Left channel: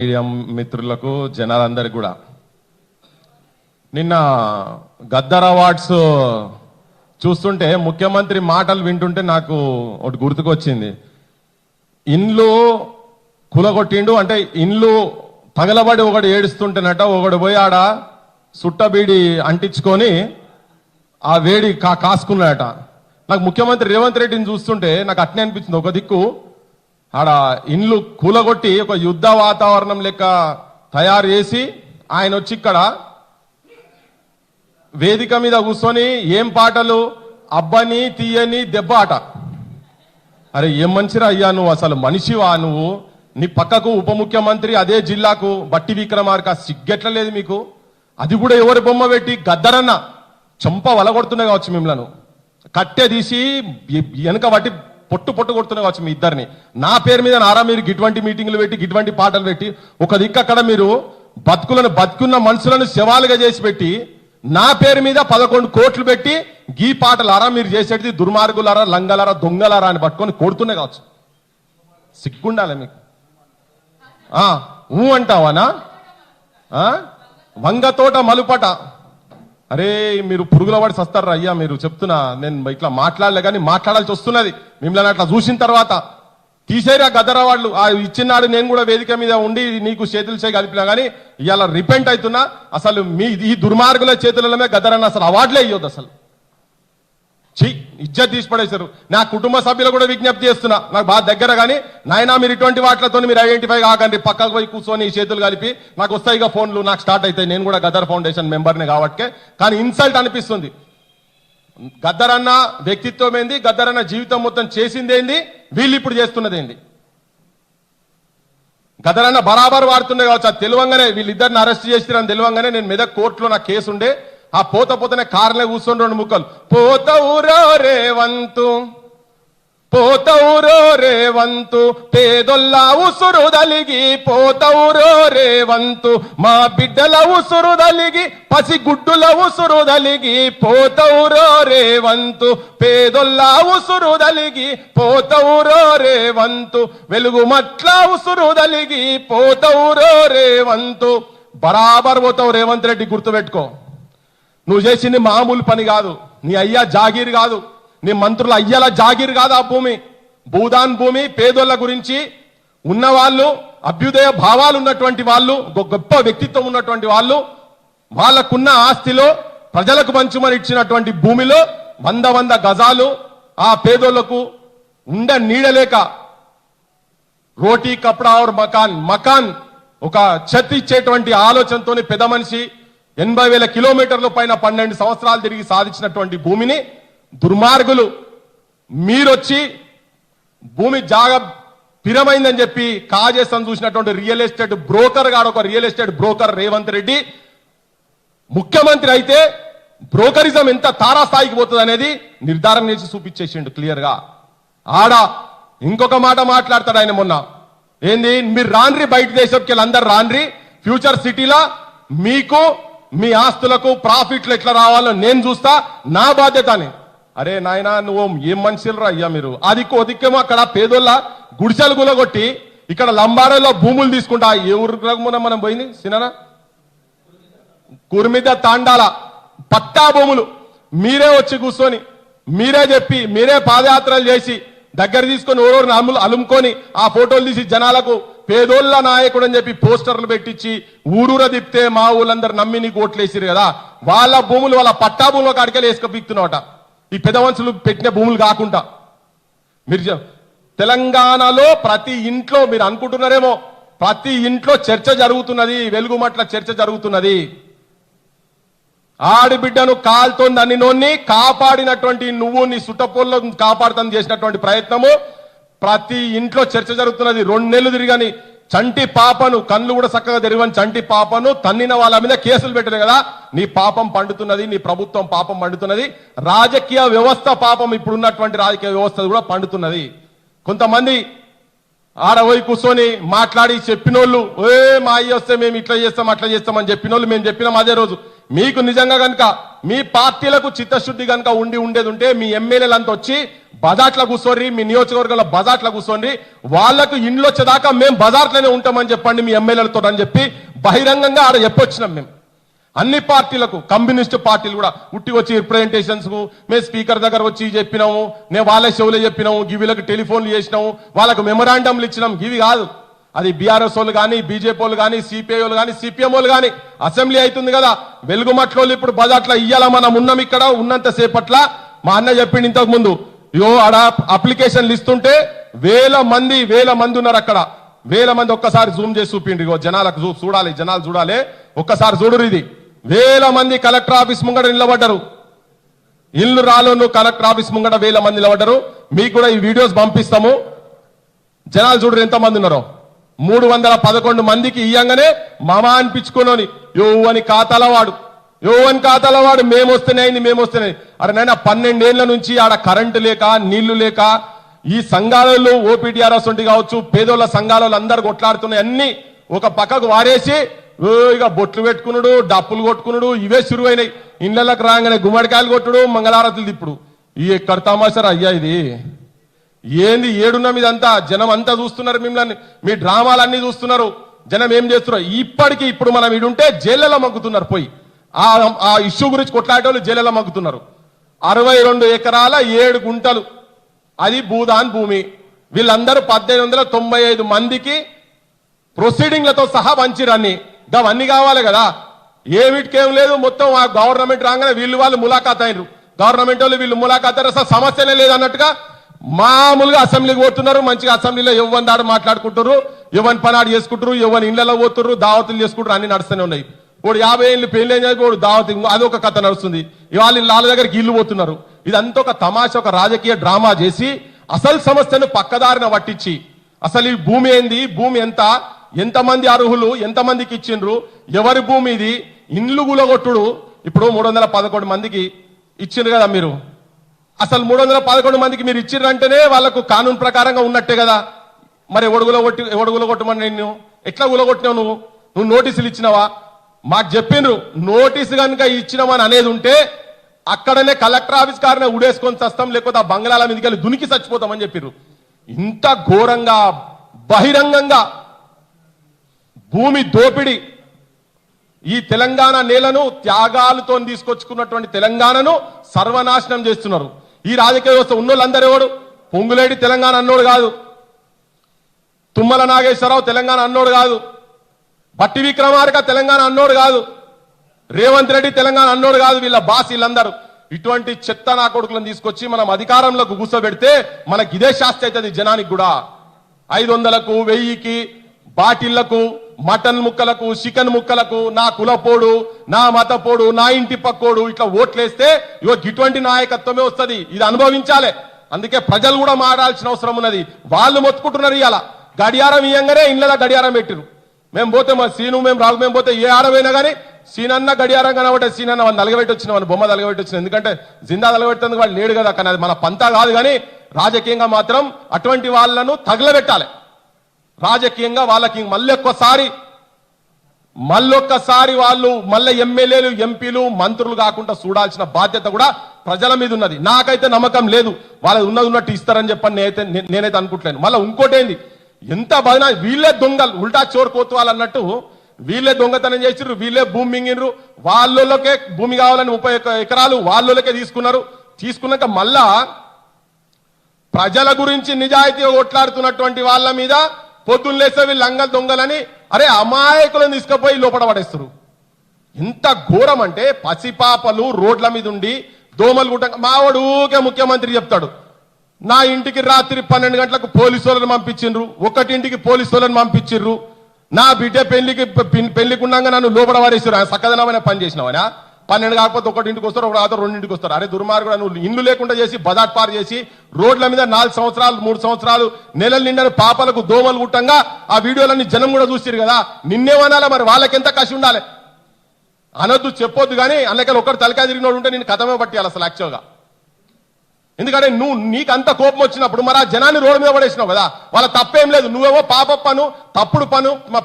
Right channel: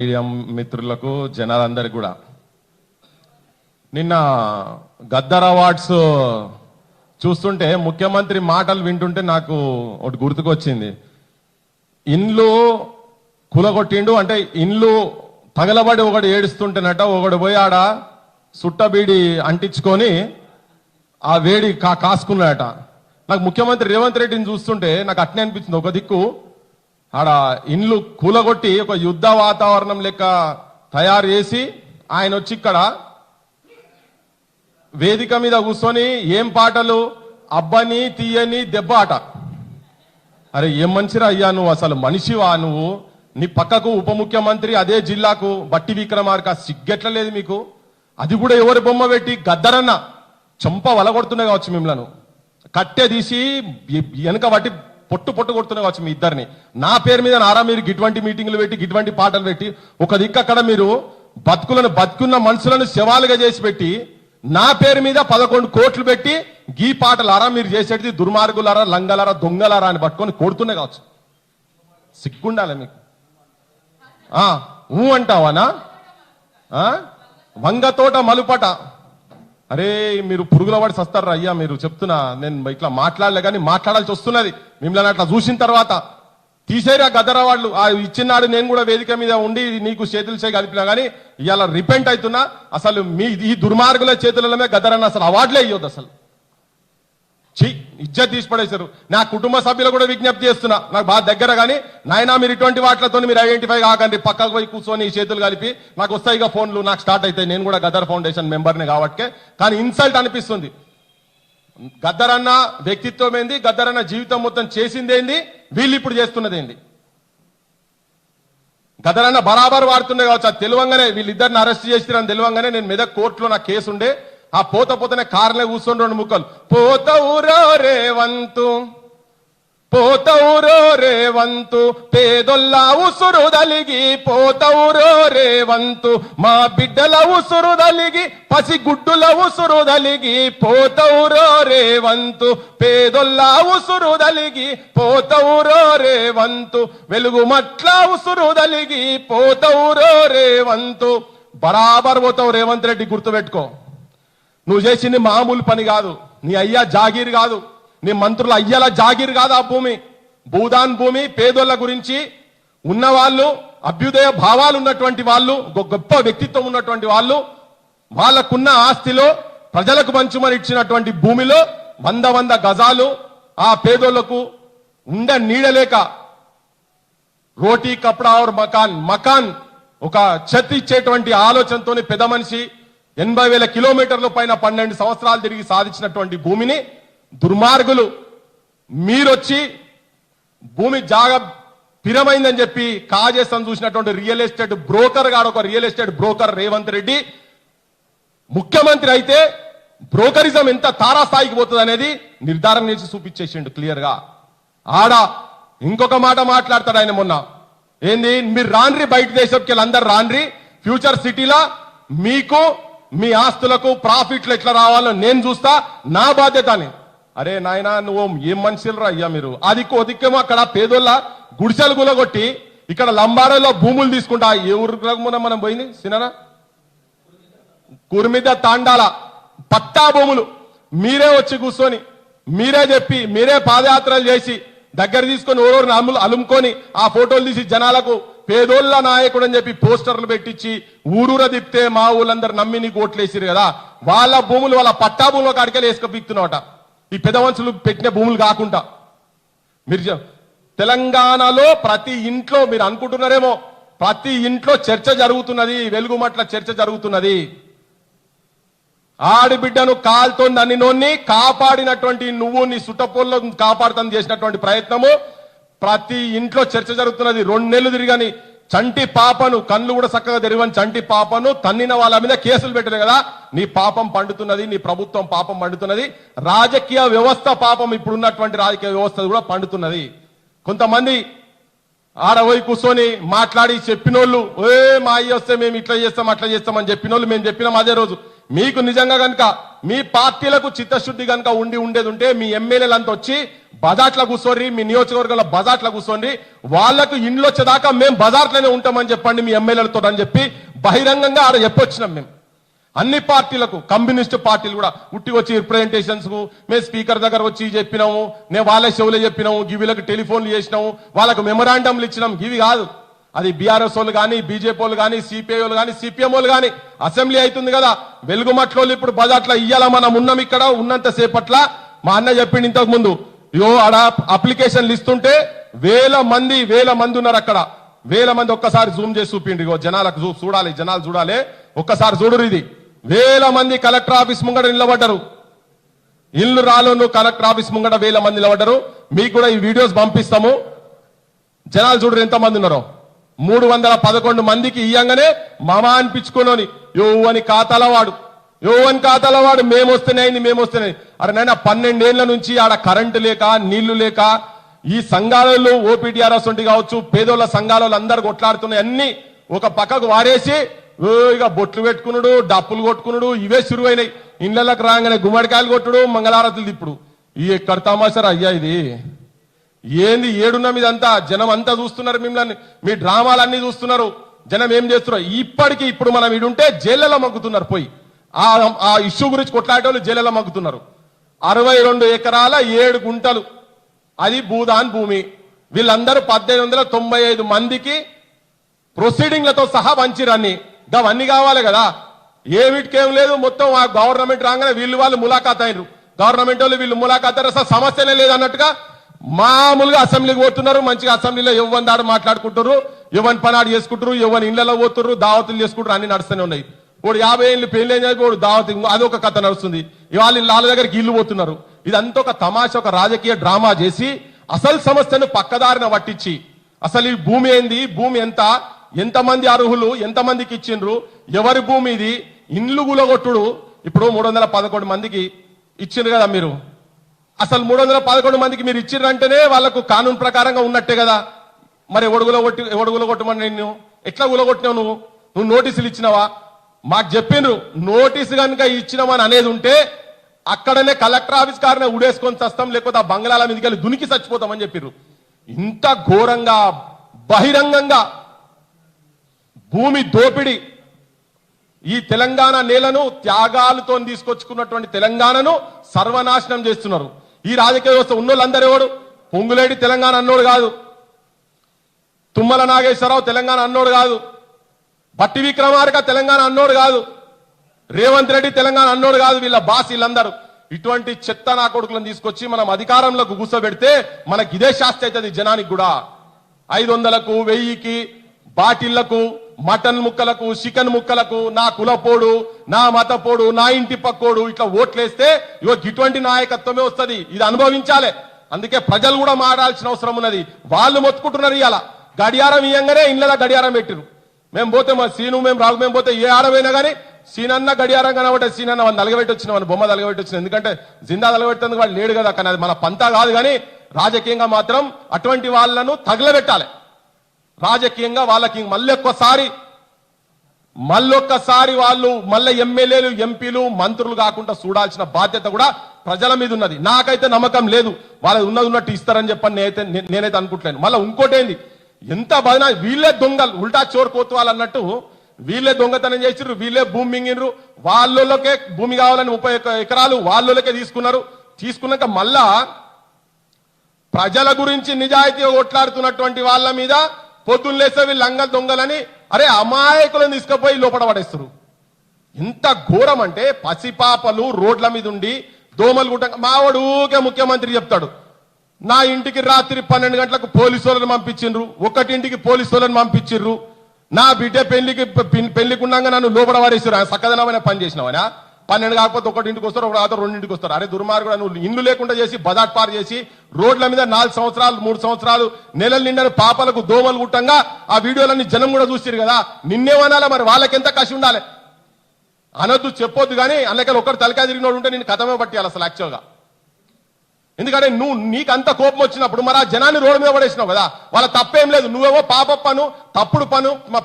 Media మిత్రులకు జనాలందరికీ కూడా నిన్న గద్దర్ అవార్డ్స్ చూస్తుంటే ముఖ్యమంత్రి మాటలు వింటుంటే నాకు ఒకటి గుర్తుకొచ్చింది. ఇండ్లు కులగొట్టిండు అంటే ఇండ్లు పగలబడి ఒకడు ఏడుస్తుంటేనట ఒకడు పోయి ఆడ సుట్టబీడి అంటించుకొని ఆ వేడి కాసుకున్నాడట. నాకు ముఖ్యమంత్రి రేవంత్ రెడ్డిని చూస్తుంటే నాకు అట్నే అనిపించింది. ఒక దిక్కు ఆడ ఇండ్లు కూలగొట్టి ఒక యుద్ధ వాతావరణం లెక్క తయారు చేసి ఆయన వచ్చి ఇక్కడ వేదిక మీద కూర్చొని ఏం పాటలు అబ్బని తీయని దెబ్బ ఆట. అరే ఏం మనిషిరా అయ్యా నువ్వు, అసలు మనిషివా నువ్వు? నీ పక్కకు ఉప ముఖ్యమంత్రి అదే జిల్లాకు బట్టి విక్రమార్క సిగ్గెట్లలేదు మీకు? అది కూడా ఎవరి బొమ్మ పెట్టి గద్దరన్న చంప వలగొడుతున్నా కావచ్చు, మిమ్మల్ని కట్టె తీసి వెనక బట్టి పొట్టు కొడుతున్నా కావచ్చు మీ ఇద్దరిని. నా పేరు మీద నారా మీరు గిటువంటి మీటింగ్లు పెట్టి గిటువంటి పాటలు పెట్టి ఒక దిక్కు అక్కడ మీరు బతుకున్న మనుషులను శవాలుగా చేసి పెట్టి నా పేరు మీద 11 కోట్లు పెట్టి గీ పాటలు అరా మీరు చేసేది దుర్మార్గులారా లంగలారా దొంగలారా అని పట్టుకొని కొడుతున్నా కావచ్చు. సిగ్గుండాలి మీకు. ఊ అంటావానా? వంగతోట మలుపట. అరే మీరు పురుగుల పడి వస్తారా అయ్యా మీరు? చెప్తున్నా నేను ఇట్లా మాట్లాడలే కానీ మాట్లాడాల్సి వస్తున్నది. మిమ్మల్ని అట్లా చూసిన తర్వాత తీసేరా గద్దర్ అవార్డులు ఇచ్చినాడు. నేను కూడా వేదిక మీద ఉండి నీకు చేతులు చేయి కలిపినా కానీ ఇవాళ రిపెంట్ అవుతున్నా. అసలు మీ ఈ దుర్మార్గుల చేతులలోనే గద్దర్ అన్న అసలు అవార్డులే ఇవ్వద్దు. అసలు ఇజ్జత్ తీసి పడేశారు. నా కుటుంబ సభ్యులు కూడా విజ్ఞప్తి చేస్తున్నా, నాకు బాగా దగ్గర కానీ నాయన మీరు ఇటువంటి వాటితో మీరు ఐడెంటిఫై కాకండి. పక్కకు పోయి కూర్చొని చేతులు కలిపి నాకు వస్తాయి ఇక ఫోన్లు నాకు స్టార్ట్ అవుతాయి. నేను కూడా గద్దర్ ఫౌండేషన్ మెంబర్ని కాబట్టి కానీ ఇన్సల్ట్ అనిపిస్తుంది. గద్దర్ అన్న వ్యక్తిత్వం ఏంది, గద్దర్ అన్న జీవితం మొత్తం చేసిందేంది, వీళ్ళు ఇప్పుడు చేస్తున్నది ఏంది? గద్దర్ అన్న బరాబర్ వాడుతున్నాయి కావచ్చు. అది తెలివంగానే వీళ్ళిద్దరిని అరెస్ట్ చేసిరని తెలివంగానే నేను మెదక్ కోర్టులో నా కేసు ఉండే ఆ పోతనే కార్లే కూర్చొని 2 ముక్కలు పోతవురో రేవంతు పోతవురో రేవంతు పేదొల్ల ఉసురు దలిగి పోతవురో రేవంతు మా బిడ్డల ఉసురు దలిగి పసిగుడ్డుల ఉసురు దలిగి పోతవురో రేవంతు పేదొల్ల ఉసురు దలిగి పోతవురో రేవంతు వెలుగు మట్ల ఉసురు దలిగి పోతవురో రేవంతు. బరాబర్ పోతావు రేవంత్ రెడ్డి, గుర్తుపెట్టుకో. నువ్వు చేసింది మామూలు పని కాదు. నీ అయ్యా జాగీర్ కాదు, నీ మంత్రుల అయ్యల జాగీర్ కాదు ఆ భూమి. భూదాన్ భూమి పేదోళ్ల గురించి ఉన్నవాళ్ళు, అభ్యుదయ భావాలు ఉన్నటువంటి వాళ్ళు, గొప్ప వ్యక్తిత్వం ఉన్నటువంటి వాళ్ళు, వాళ్ళకున్న ఆస్తిలో ప్రజలకు పంచుమని ఇచ్చినటువంటి భూమిలో 100 గజాలు ఆ పేదోళ్లకు నీడలేక రోటీ కపడా और మకాన్ ఒక చెత్త ఇచ్చేటువంటి ఆలోచనతోని పెద్ద మనిషి 80,000 కిలోమీటర్ల పైన 12 సంవత్సరాలు తిరిగి సాధించినటువంటి భూమిని దుర్మార్గులు మీరొచ్చి భూమి జాగ పిరమైందని చెప్పి కాజేసం చూసినటువంటి రియల్ ఎస్టేట్ బ్రోకర్ గాడు, ఒక real estate broker Revanth Reddy ముఖ్యమంత్రి అయితే బ్రోకరిజం ఎంత తారాస్థాయికి పోతుంది అనేది నిర్ధారణ చేసి చూపించేసిండు క్లియర్ గా. ఆడ ఇంకొక మాట మాట్లాడతాడు ఆయన మొన్న. ఏంది మీరు రాన్రి బయట దేశంకి అందరు రాన్రి, ఫ్యూచర్ సిటీలా మీకు మీ ఆస్తులకు ప్రాఫిట్లు ఎట్లా రావాలో నేను చూస్తా, నా బాధ్యత అని. అరే నాయనా నువ్వు ఏం మనుషులరా అయ్యా మీరు? అది కొదిక్కేమో అక్కడ పేదోళ్ళ గుడిసెలు గులగొట్టి ఇక్కడ లంబాడలో భూములు తీసుకుంటా. ఏ ఊరు మనం పోయింది సినా కుర్మిద తాండాల పట్టా భూములు మీరే వచ్చి కూర్చొని మీరే చెప్పి మీరే పాదయాత్రలు చేసి దగ్గర తీసుకొని ఓరోరు అలుముకొని ఆ ఫోటోలు తీసి జనాలకు పేదోళ్ల నాయకుడు అని చెప్పి పోస్టర్లు పెట్టించి ఊరూర తిప్పితే మా ఊళ్ళందరూ నమ్మి నీకు ఓట్లేసిరు కదా. వాళ్ళ భూములు వాళ్ళ పట్టా భూములు అడిగేలు వేసుకుపిస్తున్నావట. ఈ పెద్ద మనుషులు పెట్టిన భూములు కాకుండా మీరు తెలంగాణలో ప్రతి ఇంట్లో మీరు అనుకుంటున్నారేమో ప్రతి ఇంట్లో చర్చ జరుగుతున్నది, వెలుగుమట్ల చర్చ జరుగుతున్నది. ఆడిబిడ్డను కాల్తో నన్నినోన్ని కాపాడినటువంటి నువ్వు నీ సుట్టపూల్లో కాపాడుతాను చేసినటువంటి ప్రయత్నము ప్రతి ఇంట్లో చర్చ జరుగుతున్నది. 2 నెలలు తిరిగని చంటి పాపను, కళ్ళు కూడా చక్కగా తెరవని చంటి పాపను తన్నిన వాళ్ళ మీద కేసులు పెట్టిన కదా. నీ పాపం పండుతున్నది, నీ ప్రభుత్వం పాపం పండుతున్నది, రాజకీయ వ్యవస్థ పాపం ఇప్పుడున్నటువంటి రాజకీయ వ్యవస్థ కూడా పండుతున్నది. కొంతమంది ఆడపోయి కూర్చొని మాట్లాడి చెప్పినోళ్ళు మా అయ్యి వస్తే మేము ఇట్లా చేస్తాం అట్లా చేస్తామని చెప్పినోళ్ళు మేము చెప్పినాం అదే రోజు మీకు నిజంగా గనుక మీ పార్టీలకు చిత్తశుద్ధి గనుక ఉండేది ఉంటే మీ ఎమ్మెల్యేలంతా వచ్చి బజార్లో కూర్చోండి, మీ నియోజకవర్గంలో బజార్లో కూర్చోండి, వాళ్లకు ఇండ్లు వచ్చేదాకా మేము బజార్లోనే ఉంటామని చెప్పండి మీ ఎమ్మెల్యేలతో అని చెప్పి బహిరంగంగా ఆడ చెప్పొచ్చినాం. మేము అన్ని పార్టీలకు, కమ్యూనిస్ట్ పార్టీలు కూడా ఉట్టి వచ్చి రిప్రజెంటేషన్స్ కు మేము స్పీకర్ దగ్గర వచ్చి చెప్పినాము, నేను వాళ్ళ షోలో చెప్పినాము, గివిలకు టెలిఫోన్లు చేసినాము, వాళ్ళకు మెమొరాండంలు ఇచ్చినాం. గివి కాదు, అది బీఆర్ఎస్ వాళ్ళు కానీ, బీజేపీ వాళ్ళు కానీ, సిపిఐ వాళ్ళు కానీ, సిపిఎం వాళ్ళు కానీ అసెంబ్లీ అవుతుంది కదా, వెలుగుమట్లో ఇప్పుడు బజార్లో ఇయ్యాల మనం ఉన్నాం. ఇక్కడ ఉన్నంత సేపట్ల మా అన్న చెప్పిండు ఇంతకు ముందు, ఆడ అప్లికేషన్లు ఇస్తుంటే వేల మంది ఉన్నారు అక్కడ, వేల మంది. ఒక్కసారి జూమ్ చేసి చూపిండి, జనాలకు చూడాలి, జనాలు చూడాలి, ఒక్కసారి చూడరు. ఇది వేల మంది కలెక్టర్ ఆఫీస్ ముంగడ నిలబడ్డారు. ఇల్లు రాలోను కలెక్టర్ ఆఫీస్ ముంగడ వేల మంది నిలబడ్డారు. మీకు కూడా ఈ వీడియోస్ పంపిస్తాము, జనాలు చూడరు ఎంత మంది ఉన్నారో. 311 మందికి ఇయ్యంగానే మామా అనిపించుకోని యోవని ఖాతాల వాడు మేమొస్తున్నాయి. అరే నాయన 12 ఏళ్ల నుంచి ఆడ కరెంటు లేక, నీళ్లు లేక, ఈ సంఘాలలో ఓపీటీఆర్ఎస్ ఉండి కావచ్చు, పేదోళ్ల సంఘాలలో అందరు కొట్లాడుతున్నాయి. అన్ని ఒక పక్కకు వారేసి ఇక బొట్లు పెట్టుకున్నాడు, డప్పులు కొట్టుకున్నాడు, ఇవే శురువైనాయి. ఇళ్లకు రాగానే గుమ్మడికాయలు కొట్టుడు, మంగళారతులు తిప్పుడు. ఈ ఎక్కడ తమాషారు అయ్యా ఇది? ఏంది ఏడున్న మీదంతా? జనం అంతా చూస్తున్నారు మిమ్మల్ని, మీ డ్రామాలన్నీ చూస్తున్నారు. జనం ఏం చేస్తున్నారు? ఇప్పుడు మనం ఇడుంటే జైళ్ళలో మగ్గుతున్నారు. పోయి ఆ ఇష్యూ గురించి కొట్లాడేవాళ్ళు జైళ్ళలో మగ్గుతున్నారు. 62 ఎకరాల 7 గుంటలు అది భూదాన్ భూమి. వీళ్ళందరూ 1895 మందికి ప్రొసీడింగ్లతో సహా మంచిరన్ని. అవన్నీ కావాలి కదా, ఏమిటికేం లేదు. మొత్తం ఆ గవర్నమెంట్ రాగానే వాళ్ళు ములాఖాత్ అయినరు. గవర్నమెంట్ వాళ్ళు వీళ్ళు ములాఖాత్ అయిన సమస్యనే లేదన్నట్టుగా మామూలుగా అసెంబ్లీకి పోతున్నారు. మంచిగా అసెంబ్లీలో ఎవరి దాడు మాట్లాడుకుంటారు, ఎవరి పని ఆడు చేసుకుంటారు, ఎవరి ఇళ్లలో పోతున్నారు, దావతులు చేసుకుంటారు, అన్ని నడుస్తూనే ఉన్నాయి. ఇప్పుడు 50 ఏళ్ళు పెళ్లి అయినా దావతి, అది ఒక కథ నడుస్తుంది. ఇవాళ వాళ్ళ దగ్గరికి ఇల్లు పోతున్నారు. ఇదంతా ఒక తమాషా, ఒక రాజకీయ డ్రామా చేసి అసలు సమస్యను పక్కదారిన పట్టించి, అసలు ఈ భూమి ఏంది, భూమి ఎంతమంది అర్హులు, ఎంతమందికి ఇచ్చిండ్రు, ఎవరి భూమి ఇది, ఇండ్లు గులగొట్టుడు. ఇప్పుడు 311 మందికి ఇచ్చిండ్రు కదా మీరు. అసలు 311 మందికి మీరు ఇచ్చిండ్రంటేనే వాళ్లకు కానూన్ ప్రకారంగా ఉన్నట్టే కదా. మరి ఎవడు గులగొట్టమని నిన్ను ఎట్లా గులగొట్టినావు? నువ్వు నోటీసులు ఇచ్చినావా? మాకు చెప్పిండ్రు నోటీసు కనుక ఇచ్చినామని అనేది ఉంటే అక్కడనే కలెక్టర్ ఆఫీస్ కారనే ఉడేసుకొని చస్తాం, లేకపోతే ఆ బంగ్లాల మీదకి వెళ్ళి దునికి చచ్చిపోతామని చెప్పిర్రు. ఇంత ఘోరంగా బహిరంగంగా భూమి దోపిడి, ఈ తెలంగాణ నేలను త్యాగాలతో తీసుకొచ్చుకున్నటువంటి తెలంగాణను సర్వనాశనం చేస్తున్నారు. ఈ రాజకీయ వ్యవస్థ ఉన్నోళ్ళందరూ ఎవడు? పొంగులేడి తెలంగాణ అన్నోడు కాదు, తుమ్మల నాగేశ్వరరావు తెలంగాణ అన్నోడు కాదు, భట్టి విక్రమార్క తెలంగాణ అన్నోడు కాదు, రేవంత్ రెడ్డి తెలంగాణ అన్నోడు కాదు. వీళ్ళ బాస్ వీళ్ళందరూ ఇటువంటి చెత్త నా కొడుకులను తీసుకొచ్చి మనం అధికారంలోకి కూర్చోబెడితే మనకి ఇదే శాస్త్ర అవుతుంది. జనానికి కూడా 500కు 1000కి బాటిళ్లకు, మటన్ ముక్కలకు, చికెన్ ముక్కలకు నా కులపోడు, నా మతపోడు, నా ఇంటి పక్కోడు ఇట్లా ఓట్లేస్తే ఇటువంటి నాయకత్వమే వస్తుంది. ఇది అనుభవించాలి. అందుకే ప్రజలు కూడా మారాల్సిన అవసరం ఉన్నది. వాళ్ళు మొత్తుకుంటున్నారు. ఇవాళ గడియారం ఇయ్యంగానే ఇళ్ల గడియారం పెట్టిరు. మేము పోతే మా సీను, మేము రాగు, మేము పోతే ఏ ఆడమైనా కానీ సీనన్న గడియారం కనబట్టే సీనన్న వాళ్ళు నలగబెట్టి వచ్చిన, వాళ్ళు బొమ్మ నలగబెట్టి వచ్చిన. ఎందుకంటే జిందా నలగబెట్టేందుకు వాళ్ళు లేడు కదా. కానీ అది మన పంతా కాదు. కానీ రాజకీయంగా మాత్రం అటువంటి వాళ్లను తగలబెట్టాలి. రాజకీయంగా వాళ్ళకి మళ్ళొక్కసారి వాళ్ళు మళ్ళీ ఎమ్మెల్యేలు, ఎంపీలు, మంత్రులు కాకుండా చూడాల్సిన బాధ్యత కూడా ప్రజల మీద ఉన్నది. నాకైతే నమ్మకం లేదు వాళ్ళు ఉన్నట్టు ఇస్తారని చెప్పని నేనైతే అనుకుంటలేను. మళ్ళీ ఇంకోటేంది, ఎంత బదినా వీళ్ళే దొంగలు, ఉల్టా చోరు కోతువాళ్ళు అన్నట్టు వీళ్ళే దొంగతనం చేసిర్రు, వీళ్ళే భూమి మింగినరు. వాళ్ళకే భూమి కావాలని 30 ఎకరాలు వాళ్ళకే తీసుకున్నారు. తీసుకున్నాక మళ్ళా ప్రజల గురించి నిజాయితీగా కొట్లాడుతున్నటువంటి వాళ్ళ మీద పొద్దున్న లేస్తే వీళ్ళు లంగలు దొంగలని అరే అమాయకులను తీసుకుపోయి లోపల పడేస్తారు. ఎంత ఘోరం అంటే పసిపాపలు రోడ్ల మీద ఉండి దోమలు గుట్ట. మావాడు ఊకే ముఖ్యమంత్రి చెప్తాడు, నా ఇంటికి రాత్రి 12 గంటలకు పోలీసు వాళ్ళని పంపించిండ్రు, 1 ఇంటికి పోలీసు వాళ్ళని పంపించిండ్రు, నా బిడ్డ పెళ్లికుండగా నన్ను లోపల పడేసారు. సక్కదనమైన పని చేసినవనా? 12 కాకపోతే 1 ఇంటికి వస్తారు, 2 ఇంటికి వస్తారు. అరే దుర్మార్గుడు, నువ్వు ఇల్లు లేకుండా చేసి బజాట్ పారు చేసి రోడ్ల మీద 4 సంవత్సరాలు 3 సంవత్సరాలు నెలలు నిండని పాపలకు దోమలు గుట్టంగా ఆ వీడియోలన్నీ జనం కూడా చూసిరు కదా. నిన్నేమనాలా? మరి వాళ్ళకెంత కసి ఉండాలి? అనొద్దు, చెప్పొద్దు. కానీ అందుకని ఒకటి తలకాయ తిరిగినోడు ఉంటే నేను కథమే పట్టియాలి అసలు యాక్చువల్గా. ఎందుకంటే నీకు అంత కోపం వచ్చినప్పుడు మరి ఆ జనాన్ని రోడ్డు మీద పడేసినావు కదా. వాళ్ళ తప్పేం లేదు. నువ్వేమో పాప పను, తప్పుడు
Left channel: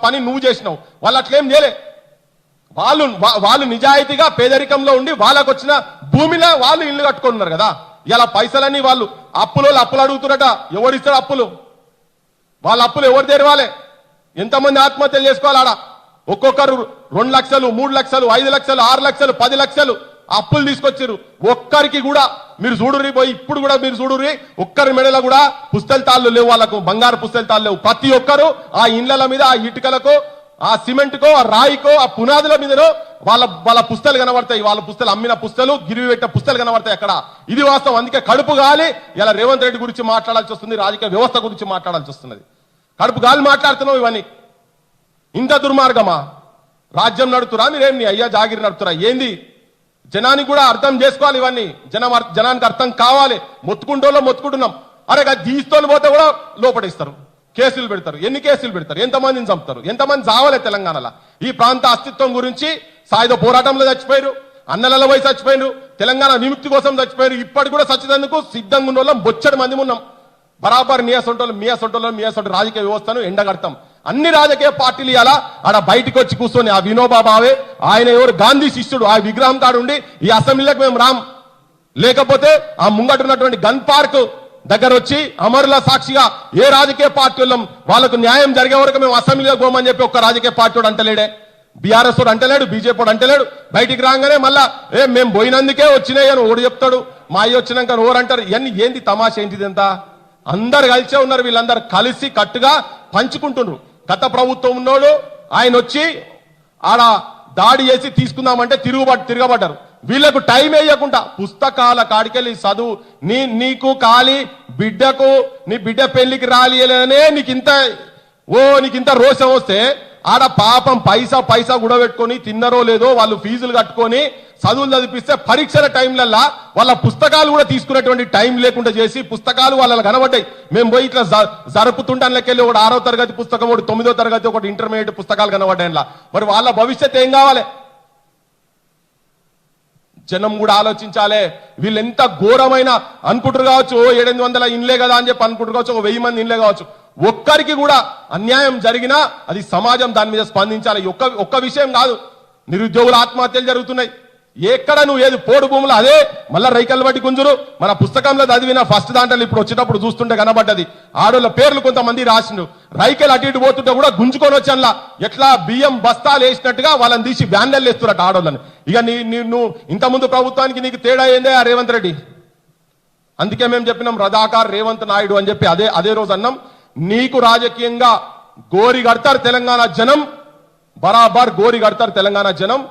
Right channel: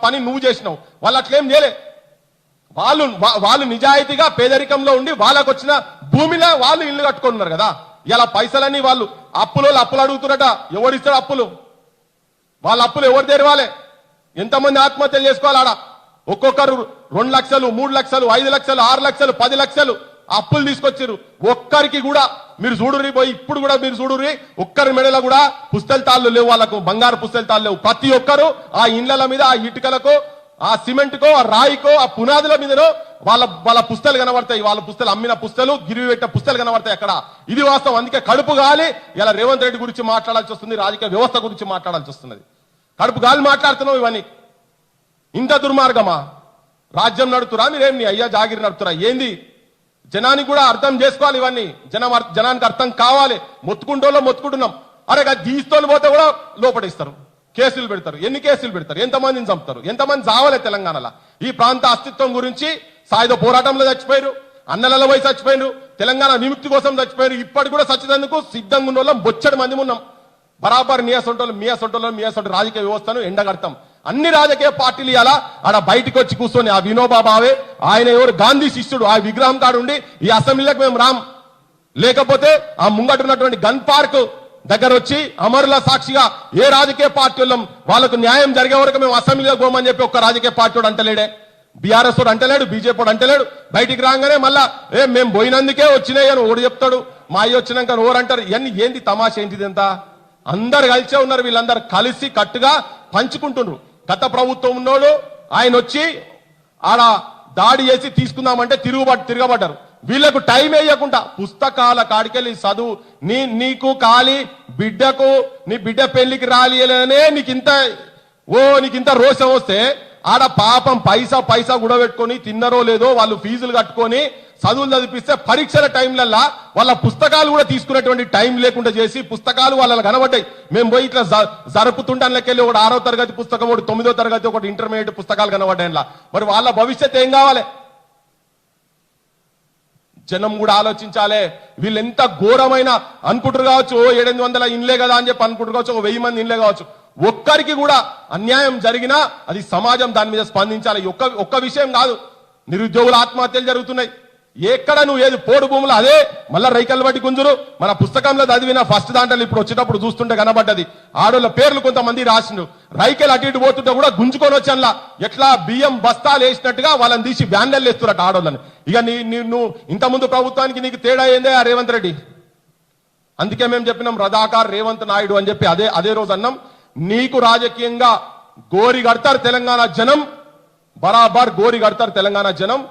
పని నువ్వు చేసినావు. వాళ్ళు అట్లేం చేయలే. వాళ్ళు నిజాయితీగా పేదరికంలో ఉండి వాళ్ళకు వచ్చిన భూమిలో వాళ్ళు ఇల్లు కట్టుకుంటున్నారు కదా. ఇలా పైసలన్నీ వాళ్ళు అప్పులు అడుగుతున్నారట. ఎవడిస్తాడు అప్పులు? వాళ్ళ అప్పులు ఎవరు తెరవాలి? ఎంతమంది ఆత్మహత్యలు చేసుకోవాలి? ఆడ ఒక్కొక్కరు 2 లక్షలు, 3 లక్షలు, 5 లక్షలు, 6 లక్షలు, 10 లక్షలు అప్పులు తీసుకొచ్చారు. ఒక్కరికి కూడా మీరు చూడుర్రి పోయి, ఇప్పుడు కూడా మీరు చూడుర్రి, ఒక్కరి మెడలో కూడా పుస్తల తాళ్ళు లేవు, వాళ్ళకు బంగారు పుస్తల తాళ్ళు లేవు. ప్రతి ఒక్కరు ఆ ఇండ్ల మీద, ఆ ఇటుకలకో, ఆ సిమెంట్ కో, ఆ రాయికో, ఆ పునాదుల మీదనో వాళ్ళ పుస్తలు కనబడతాయి. వాళ్ళ పుస్తలు అమ్మిన పుస్తలు, గిరివి పెట్టిన పుస్తలు కనబడతాయి అక్కడ. ఇది వాస్తవం. అందుకే కడుపు గాలి ఇలా రేవంత్ రెడ్డి గురించి మాట్లాడాల్సి వస్తుంది, రాజకీయ వ్యవస్థ గురించి మాట్లాడాల్సి వస్తున్నది. కడుపు గాలి మాట్లాడుతున్నావు. ఇవన్నీ ఇంత దుర్మార్గమా? రాజ్యం నడుతురా మీరేం? నీ అయ్యా జాగిరి నడుతురా ఏంది? జనానికి కూడా అర్థం చేసుకోవాలి. ఇవన్నీ జనానికి అర్థం కావాలి. మొత్తుకుంటున్నాం. అరే దీస్తోని పోతే కూడా లోపడిస్తారు, కేసులు పెడతారు. ఎన్ని కేసులు పెడతారు? ఎంతమందిని చంపుతారు? ఎంతమంది చావాలి తెలంగాణలో? ఈ ప్రాంత అస్తిత్వం గురించి సాయుధ పోరాటంలో చచ్చిపోయారు, అన్నలలో పోయి చచ్చిపోయారు, తెలంగాణ విముక్తి కోసం చచ్చిపోయారు. ఇప్పటి కూడా చచ్చేందుకు సిద్ధంగా ఉన్న వాళ్ళం బొచ్చడి మంది ఉన్నాం. బరాబర్ మీ అసొంటి రాజకీయ వ్యవస్థను ఎండగడతాం. అన్ని రాజకీయ పార్టీలు ఇలా ఆడ బయటకు వచ్చి కూర్చొని, ఆ వినోబా భావే ఆయన ఎవరు గాంధీ శిష్యుడు, ఆ విగ్రహం తాడుండి ఈ అసెంబ్లీలకు మేము రాం, లేకపోతే ఆ ముంగటున్నటువంటి గన్ పార్క్ దగ్గర వచ్చి అమరుల సాక్షిగా ఏ రాజకీయ పార్టీలు వాళ్ళకు న్యాయం జరిగే వరకు మేము అసెంబ్లీలో పోమని చెప్పి ఒక్క రాజకీయ పార్టీ అంటలేడే. బీఆర్ఎస్ అంటలేడు, బీజేపీ అంటలేడు. బయటికి రాగానే మళ్ళా మేము పోయినందుకే వచ్చినాయి అని ఓడి చెప్తాడు. మా అయ్యి వచ్చినాక ఓరంటారు. ఇవన్నీ ఏంది? తమాషా ఏంటిది? ఎంత అందరు కలిసే ఉన్నారు. వీళ్ళందరూ కలిసి కట్టుగా పంచుకుంటున్నారు. గత ప్రభుత్వం ఉన్నోడు ఆయన వచ్చి ఆడ దాడి చేసి తీసుకుందామంటే తిరగబడ్డారు. వీళ్లకు టైం వేయకుండా పుస్తకాల కాడికెళ్ళి చదువు, నీకు కాలి బిడ్డకు, నీ బిడ్డ పెళ్లికి రాలియలేదనే నీకింత రోషం వస్తే, ఆడ పాపం పైసా కూడా పెట్టుకొని తిన్నరో లేదో వాళ్ళు ఫీజులు కట్టుకొని చదువులు చదివిస్తే పరీక్షల టైంలల్లా వాళ్ళ పుస్తకాలు కూడా తీసుకునేటువంటి టైం లేకుండా చేసి పుస్తకాలు వాళ్ళ కనబడ్డాయి. మేము పోయి ఇట్లా జరుపుతుంటానికి ఒకటి 6వ తరగతి పుస్తకం, ఒకటి 9వ తరగతి, ఒకటి ఇంటర్మీడియట్ పుస్తకాలు కనబడ్డాయిలా. మరి వాళ్ళ భవిష్యత్ ఏం కావాలి? జనం కూడా ఆలోచించాలి. వీళ్ళు ఎంత ఘోరమైన అనుకుంటారు కావచ్చు, 700 ఇండ్లే కదా అని చెప్పి అనుకుంటారు కావచ్చు, 1000 మంది ఇండ్లే కావచ్చు. ఒక్కరికి కూడా అన్యాయం జరిగినా అది సమాజం దాని మీద స్పందించాలి. ఒక్క విషయం కాదు, నిరుద్యోగుల ఆత్మహత్యలు జరుగుతున్నాయి. ఎక్కడ నువ్వు ఏది పోడు భూములు అదే మళ్ళా రైకల్ బట్టి గుంజురు. మన పుస్తకంలో చదివిన ఫస్ట్ దాంట్లో ఇప్పుడు వచ్చేటప్పుడు చూస్తుంటే కనబడ్డది. ఆడోళ్ళ పేర్లు కొంతమంది రాసిండు. రైకల్ అటు ఇటు పోతుంటే కూడా గుంజుకొని వచ్చానులా ఎట్లా బియ్యం బస్తాలు వేసినట్టుగా వాళ్ళని తీసి బ్యానర్లు వేస్తున్నట్టు ఆడోళ్ళని. ఇక నువ్వు ఇంతకుముందు ప్రభుత్వానికి నీకు తేడా ఏందే ఆ రేవంత్ రెడ్డి? అందుకే మేము చెప్పినాం రజాకార్ రేవంత్ నాయుడు అని చెప్పి అదే రోజు అన్నాం. నీకు రాజకీయంగా గోరి కడతారు తెలంగాణ జనం, బరాబర్ గోరి కడతారు తెలంగాణ జనం.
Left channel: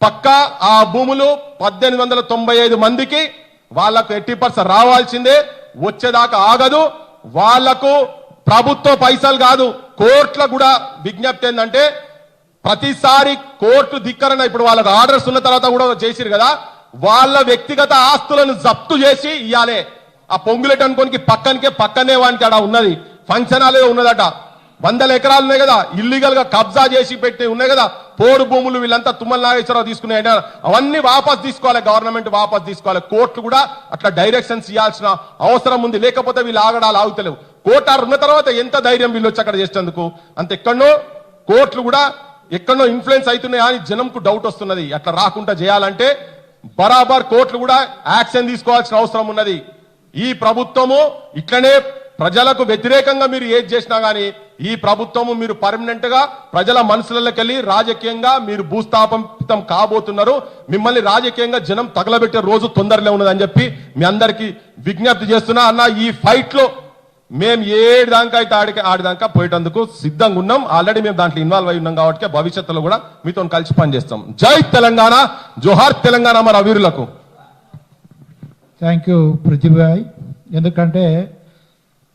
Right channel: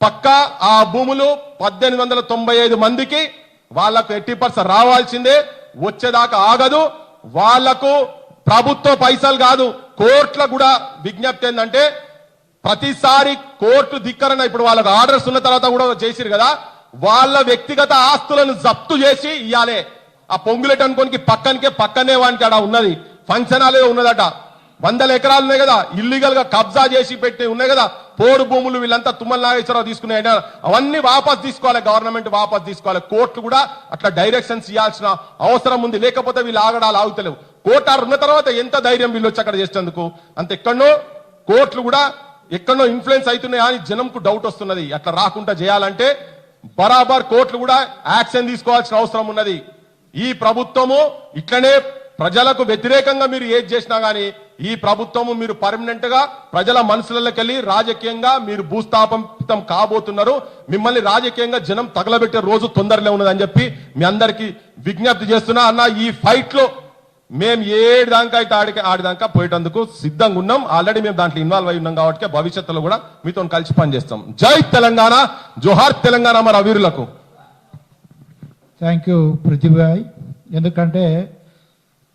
పక్కా ఆ భూములు 1895 మందికి వాళ్లకు 80% రావాల్సిందే. వచ్చేదాకా ఆగదు. వాళ్లకు ప్రభుత్వ పైసలు కాదు, కోర్టుల కూడా విజ్ఞప్తి ఏంటంటే ప్రతిసారి కోర్టు ధిక్కరణ, ఇప్పుడు వాళ్ళకి ఆర్డర్స్ ఉన్న తర్వాత కూడా చేసిరు కదా, వాళ్ళ వ్యక్తిగత ఆస్తులను జప్తు చేసి ఇవ్వాలి. ఆ పొంగులెట్ అనుకోనికి పక్కనే వానికి అక్కడ ఉన్నది ఫంక్షన్ హాలే ఉన్నదట. 100 ఎకరాలు ఉన్నాయి కదా, ఇల్లీగల్ గా కబ్జా చేసి పెట్టి ఉన్నాయి కదా పోడు భూములు. వీళ్ళంతా తుమ్మల నాగేశ్వరరావు తీసుకున్నాయి. అవన్నీ వాపస్ తీసుకోవాలి, గవర్నమెంట్ వాపస్ తీసుకోవాలి. కోర్టు కూడా అట్లా డైరెక్షన్స్ ఇవ్వాల్సిన అవసరం ఉంది. లేకపోతే వీళ్ళు ఆగుతలేవు. కోర్టు ఉన్న తర్వాత ఎంత ధైర్యం వీళ్ళు వచ్చి అక్కడ చేసేందుకు? అంత ఎక్కడో కోర్టులు కూడా ఎక్కడో ఇన్ఫ్లుయెన్స్ అవుతున్నాయి అని జనంకు డౌట్ వస్తున్నది. అట్లా రాకుండా చేయాలంటే బరాబర్ కోర్టులు కూడా యాక్షన్ తీసుకోవాల్సిన అవసరం ఉన్నది. ఈ ప్రభుత్వము ఇట్లనే ప్రజలకు వ్యతిరేకంగా మీరు ఏది చేసినా గానీ ఈ ప్రభుత్వము మీరు పర్మనెంట్ గా ప్రజల మనసులకి వెళ్ళి రాజకీయంగా మీరు భూస్థాపితం కాబోతున్నారు. మిమ్మల్ని రాజకీయంగా జనం తగలబెట్టే రోజు తొందరలో ఉన్నదని చెప్పి మీ అందరికీ విజ్ఞప్తి చేస్తున్నా. అన్న ఈ ఫైట్ లో మేము ఏడాకా అయితే ఆడిదాకా పోయేటందుకు సిద్ధంగా ఉన్నాం. ఆల్రెడీ మేము దాంట్లో ఇన్వాల్వ్ అయి ఉన్నాం కాబట్టి భవిష్యత్తులో కూడా మీతో కలిసి పనిచేస్తాం. జై తెలంగాణ, జోహార్ తెలంగాణ మన వీరులకు. థ్యాంక్ యూ ప్రతిభ. ఎందుకంటే